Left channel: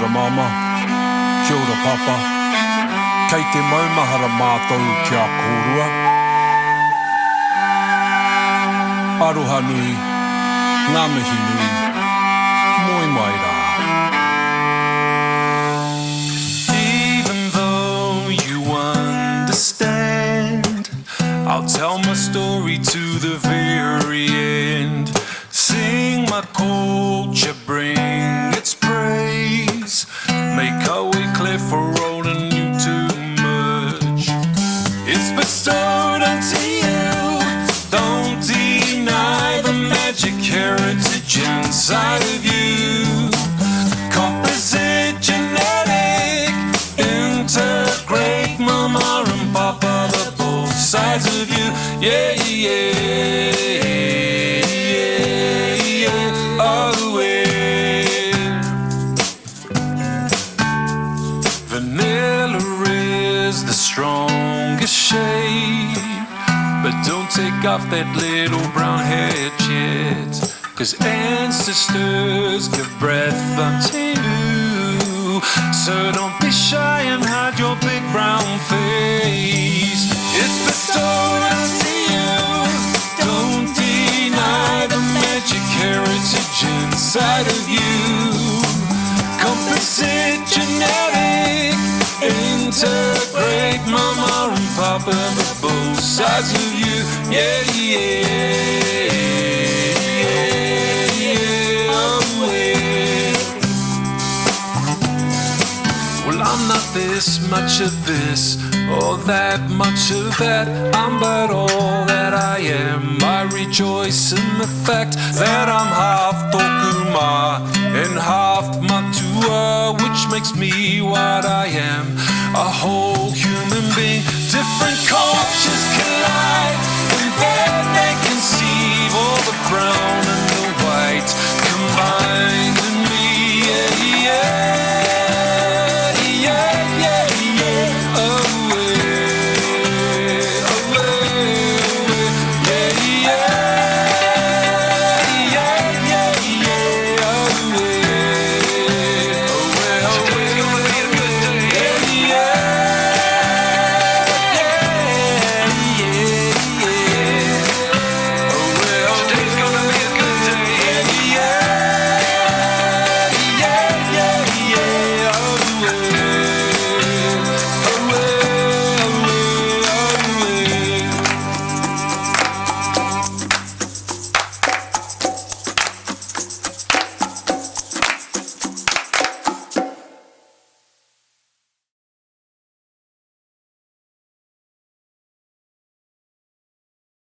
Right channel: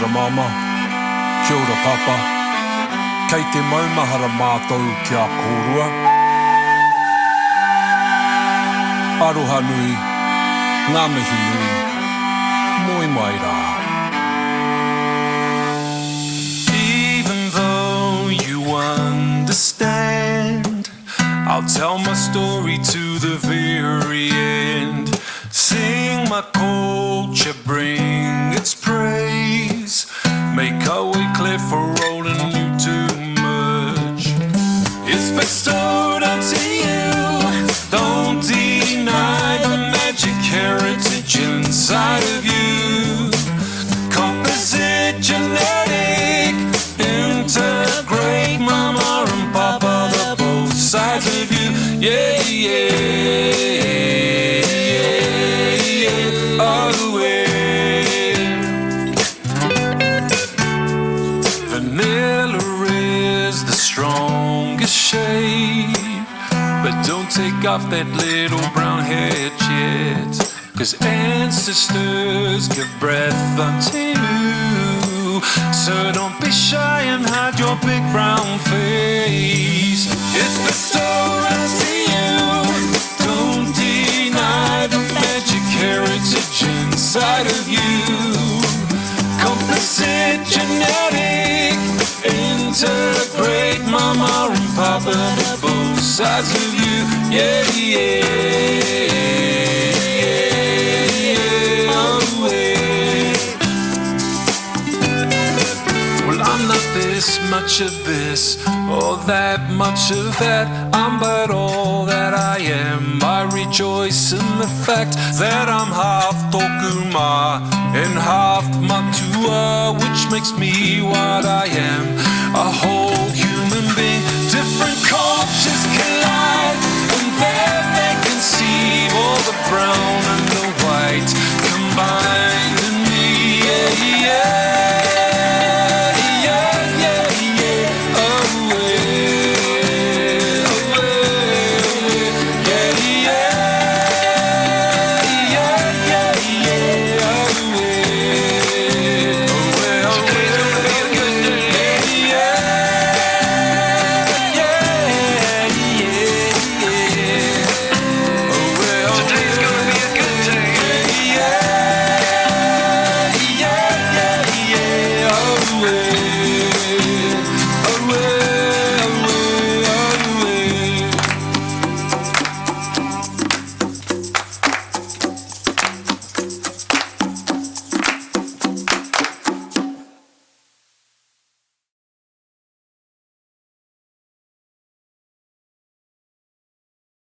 ora mama, kia ora papa, kei te maumahara mātou kia kōrua. Aroha nui, ngā mihi nui, moi mai rā. Even though you understand, I'll tell my story to the very end. Sing my culture, bring its praise. Make our way clear for rolling you too much. It's bestowed unto you. Don't deny the magic heritage inside of you. Composite, genetic, integrate, mama and papa, the both sides of you. Yeah, yeah, yeah, yeah. Oh, yeah. Vanilla is the strongest shade, but don't take off that little brown head yet, 'cause ancestors give breath unto you. So don't be shy and hide your big brown face. It's bestowed unto you. Don't deny the magic heritage inside of you. Composite, genetic, integrate, mama and papa, but both sides of you. Yeah, yeah, yeah, yeah, oh, yeah. Well, I'm not this much of this or that much of that. I'm but all that I am. I rejoice in the fact that I'm half tokuma and half matua, which makes me what I am, a whole human being. Different cultures collide, and then they conceive all the brown and the white combined in me. Yeah, yeah.